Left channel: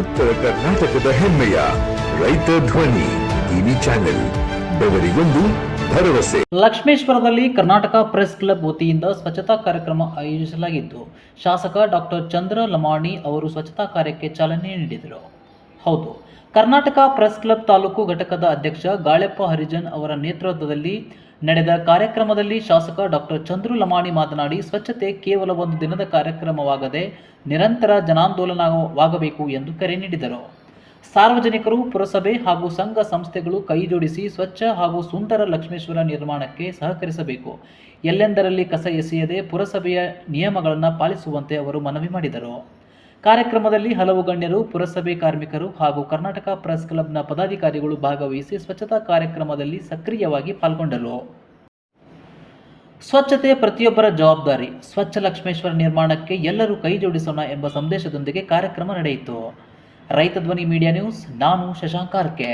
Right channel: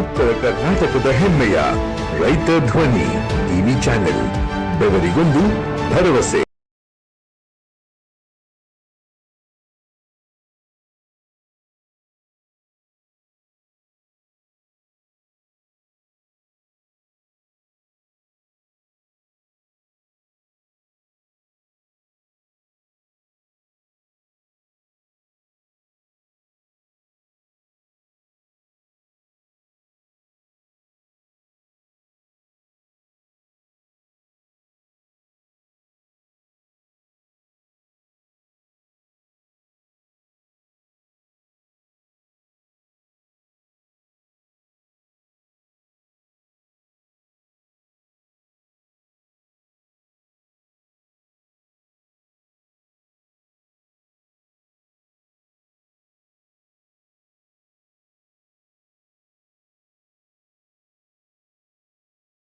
ಉತ್ತರ ಕರ್ನಾಟಕದ ಹೆಮ್ಮೆಯ ರೈತ ಧ್ವನಿ ಟಿವಿ ಚಾನೆಲ್, ಬೆವರಿಗೊಂದು ಭರವಸೆ. ಲಕ್ಷ್ಮೇಶ್ವರದಲ್ಲಿ ಕರ್ನಾಟಕ ಪ್ರೆಸ್ ಕ್ಲಬ್ ವತಿಯಿಂದ ಸ್ವಚ್ಛತಾ ಕಾರ್ಯಕ್ರಮ ಆಯೋಜಿಸಲಾಗಿದ್ದು, ಶಾಸಕ ಡಾಕ್ಟರ್ ಚಂದ್ರ ಲಮಾಣಿ ಅವರು ಸ್ವಚ್ಛತಾ ಕಾರ್ಯಕ್ಕೆ ಚಾಲನೆ ನೀಡಿದರು. ಹೌದು, ಕರ್ನಾಟಕ ಪ್ರೆಸ್ ಕ್ಲಬ್ ತಾಲೂಕು ಘಟಕದ ಅಧ್ಯಕ್ಷ ಗಾಳೆಪ್ಪ ಹರಿಜನ್ ಅವರ ನೇತೃತ್ವದಲ್ಲಿ ನಡೆದ ಕಾರ್ಯಕ್ರಮದಲ್ಲಿ ಶಾಸಕ ಡಾಕ್ಟರ್ ಚಂದ್ರು ಲಮಾಣಿ ಮಾತನಾಡಿ, ಸ್ವಚ್ಛತೆ ಕೇವಲ ಒಂದು ದಿನದ ಕಾರ್ಯಕ್ರಮವಾಗದೆ ನಿರಂತರ ಜನಾಂದೋಲನವಾಗಬೇಕು ಎಂದು ಕರೆ ನೀಡಿದರು. ಸಾರ್ವಜನಿಕರು, ಪುರಸಭೆ ಹಾಗೂ ಸಂಘ ಸಂಸ್ಥೆಗಳು ಕೈಜೋಡಿಸಿ ಸ್ವಚ್ಛ ಹಾಗೂ ಸುಂದರ ಲಕ್ಷ್ಮೇಶ್ವರ ನಿರ್ಮಾಣಕ್ಕೆ ಸಹಕರಿಸಬೇಕು. ಎಲ್ಲೆಂದರಲ್ಲಿ ಕಸ ಎಸೆಯದೆ ಪುರಸಭೆಯ ನಿಯಮಗಳನ್ನು ಪಾಲಿಸುವಂತೆ ಅವರು ಮನವಿ ಮಾಡಿದರು. ಕಾರ್ಯಕ್ರಮದಲ್ಲಿ ಹಲವು ಗಣ್ಯರು, ಪುರಸಭೆ ಕಾರ್ಮಿಕರು ಹಾಗೂ ಕರ್ನಾಟಕ ಪ್ರೆಸ್ ಕ್ಲಬ್ನ ಪದಾಧಿಕಾರಿಗಳು ಭಾಗವಹಿಸಿ ಸ್ವಚ್ಛತಾ ಕಾರ್ಯಕ್ರಮದಲ್ಲಿ ಸಕ್ರಿಯವಾಗಿ ಪಾಲ್ಗೊಂಡರು. ಸ್ವಚ್ಛತೆ ಪ್ರತಿಯೊಬ್ಬರ ಜವಾಬ್ದಾರಿ, ಸ್ವಚ್ಛ ಲಕ್ಷ್ಮೇಶ್ವರ ನಿರ್ಮಾಣಕ್ಕೆ ಎಲ್ಲರೂ ಕೈ ಜೋಡಿಸೋಣ ಎಂಬ ಸಂದೇಶದೊಂದಿಗೆ ಕಾರ್ಯಕ್ರಮ ನಡೆಯಿತು. ರೈತ ಧ್ವನಿ ಮೀಡಿಯಾ ನ್ಯೂಸ್, ನಾನು ಶಶಾಂಕ್ ಆರ್ಕೆ.